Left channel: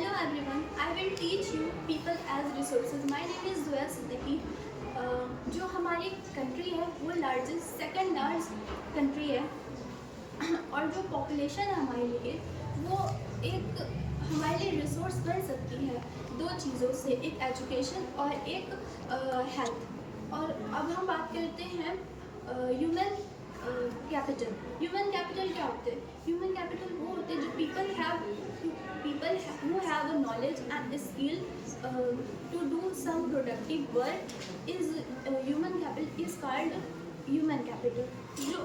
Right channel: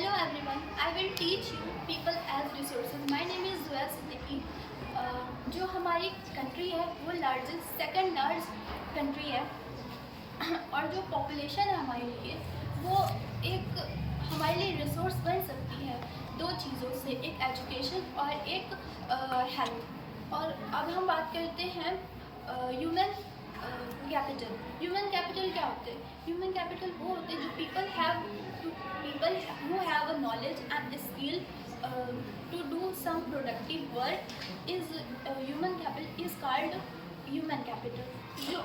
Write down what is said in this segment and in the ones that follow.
Hello everyone, I will teach you people as resources. My name is Zuya Siddiqui. जो हमारी country है वो largest second large country है और जो पॉपुलेशन है हमारे लिए वो एक हमारे लिए रिसोर्स बन सकती है दो चीज़ों से, एक एजुकेशन और एक हेल्थ। और अब हम बात करते हैं ह्यूमन कैपिटल। ह्यूमन कैपिटल क्या होते हैं? ह्यूमन कैपिटल वो होते हैं जो people who have a knowledge and skill to do some productive work is human capital is called human capital। जो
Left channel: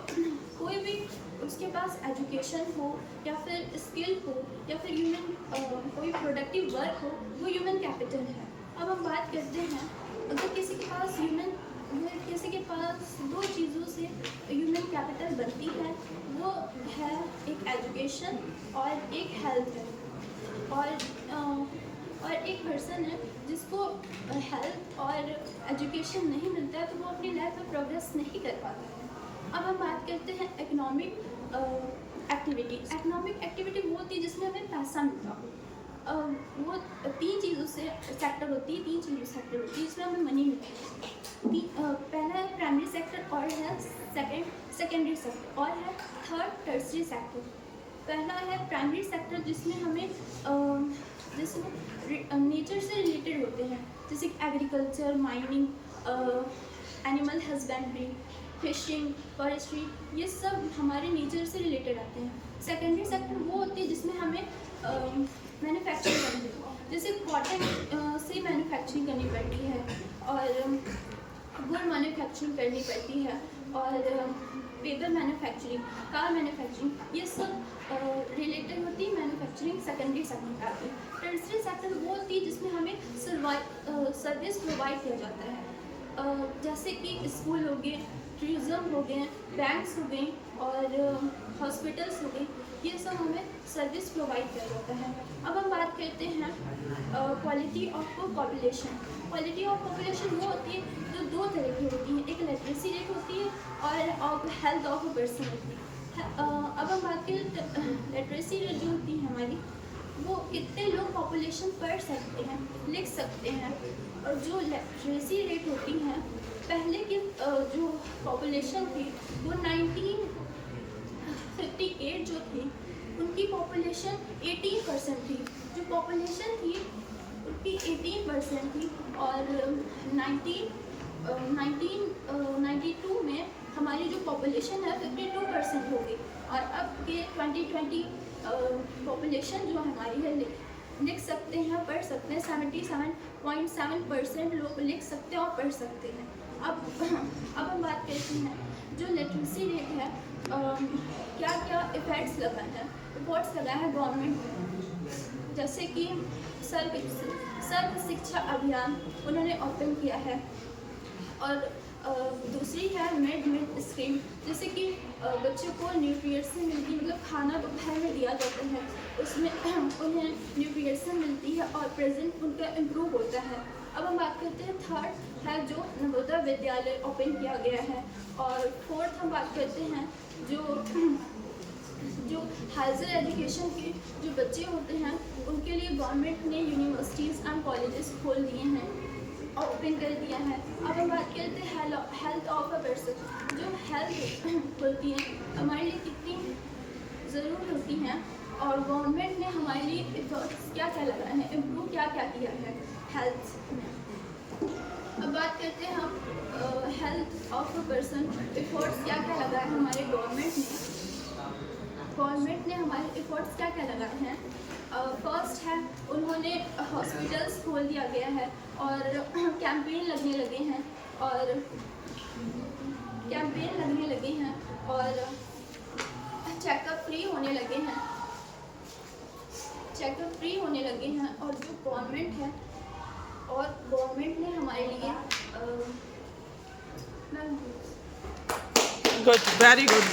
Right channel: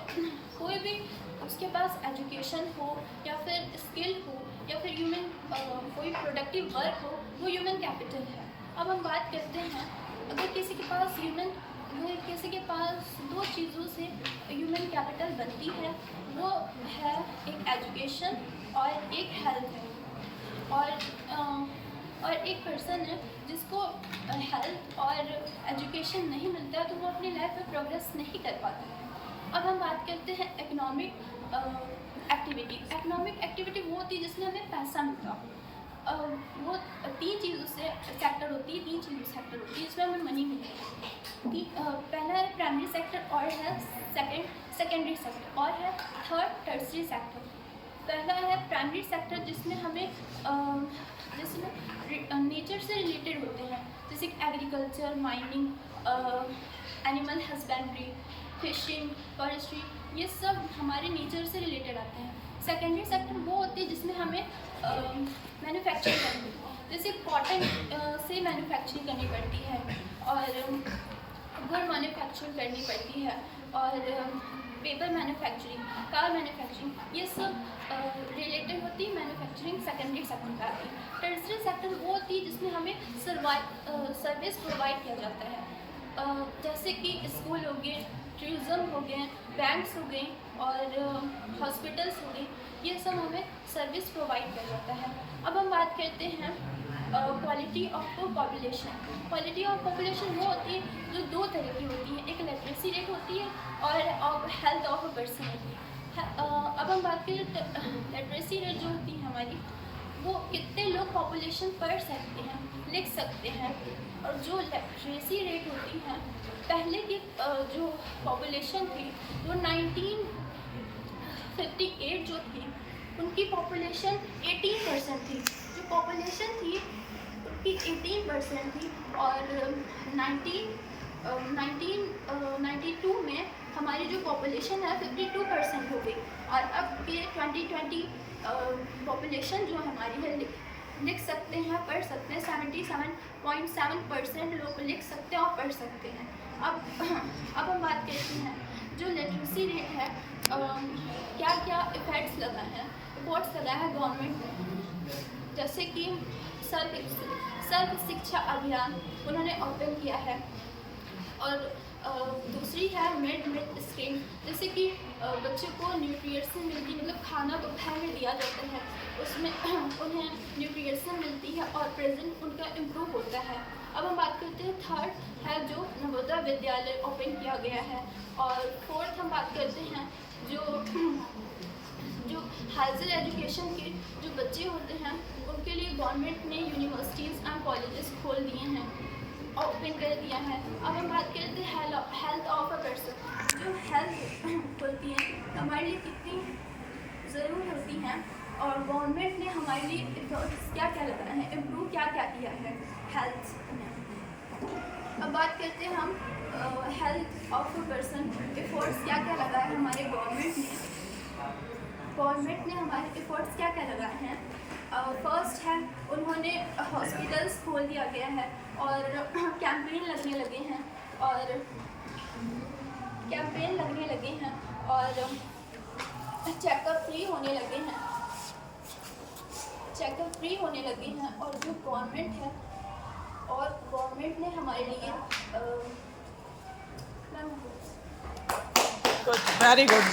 कोई भी उसके पास एजुकेशन हो या फिर स्किल हो या फिर कोई प्रोडक्टिव वर्क हो वो ह्यूमन कैपिटल है। अब हम बात करते हैं अगर किसी के पास दो चीज़ों से ह्यूमन कैपिटल बनती है, वो है एक एजुकेशन और एक हेल्थ है। और एक पर्सन है जिसको हेल्थ और एजुकेशन नहीं मिलता है तो वो अपनी लाइफ में प्रोग्रेस नहीं कर पाता है। अब हम बात करते हैं इकोनॉमिक एक्टिविटी। इकोनॉमिक एक्टिविटी वो होती है जिसमें हमें पैसा मिलता हो। वो तीन चीज़ों से सेक्टर होती है जिसमें हमें मनी मिलती है। पहला है प्राइमरी सेक्टर और है सेकेंडरी सेक्टर और है थर्ड टर्सरी सेक्टर। पहला है प्राइमरी सेक्टर जिसमें नेचर से रिलेटेड होते हैं, जैसे agriculture, mining, animal husbandry, fishing, forestry, ये सब हमारे नेचर से रिलेटेड आते हैं। सेकेंडरी सेक्टर वो होती है जिसमें हमें मैन्युफैक्चरिंग करनी है, जैसे कॉटन से मैन्युफैक्चरिंग करनी पड़ती है और गुड़ मैन्युफैक्चरिंग करनी पड़ती है और पेपर मैन्युफैक्चरिंग, कार मैन्युफैक्चरिंग, ये सब रिलेटेड होती है मैन्युफैक्चरिंग सेकेंडरी सेक्टर का है। टर्सरी सेक्टर वो होती है जिसमें हमें सर्विस प्रोवाइड किया जाता है, जैसे कि स्कूल हो गए, टूरिज़्म हो गए, बैंक्स हो गए और हॉस्पिटल्स हो गए, ये सब हमें सर्विस प्रोवाइड किया जाता है। अब हम बात करते हैं quality of population. Quality of population वो होती है जो दो तरह की होती है, एक लिटरेसी रेट होती है और हेल्थ ऑफ अ पर्सन। अब हम बात करें लिटरेसी रेट जो होती है हमारी, वो कितने लोग पॉपुलेशन पढ़ सकते हैं, लिख सकते हैं। और जो लिटरेसी रेट होती है, पहले की जो पॉपुलेशन थी वो 1958 जो थी उनकी पॉपुलेशन 18% थी। जो पॉपुलेशन थी उनकी 18% थी और 1992 में हमारी जो पॉपुलेशन है 52% हो गई। और अब के 2020 पॉपुलेशन जो हमारी है लिख सकते हैं, पढ़ सकते हैं, 77.7% लोग लिख सकते हैं और पढ़ सकते हैं। अब हम बात करते हैं जो लिटरेसी रेट है, क्या क्या इफेक्ट्स लगाए हैं गवर्नमेंट ने, जैसे कि सर्व शिक्षा अभियान उन्होंने ओपन किया है। और दूसरी है मिड स्कीम, जैसे कि बच्चों को न्यूट्रिएंट्स मिलती, मतलब खाना दोपहर में दिया जाता है, उसमें उन्हें न्यूट्रिएंट्स मिलती है और प्रेजेंट उनका इम्प्रूव होता है। अब हम बात करते हैं थर्ड है जो नवोदय विद्यालय ओपन किया गया है। और फोर्थ हम बात करते हैं जो हायर एजुकेशन के जो बच्चे होते हैं उनके लिए गवर्नमेंट ने यूनिवर्सिटीज़ एंड कॉलेजेस खोल दिए हैं और ओपन कर दिया है। अब हम बात करते हैं हेल्थ ऑफ अ पर्सन। जो हेल्थ होती है हमारे लिए कितनी ज़रूर होती हैं और गवर्नमेंट ने हमारे लिए एफर्ट्स क्या क्या लगाए हैं, इम्प्रूव क्या क्या किया है हेल्थ में। अब बात करते हैं हम health of a person efforts क्या क्या लगाए हैं हमारे गवर्नमेंट ने हमारे एफर्ट्स क्या क्या लगाए हैं। फर्स्ट है उन्होंने हॉस्पिटल्स खोल दिया गया है और कैंपेन लगने लगे हैं और चेकअप फ्री होने लगे हैं और जो गवर्नमेंट ने हमारे लिए गुड, वेरी गुड।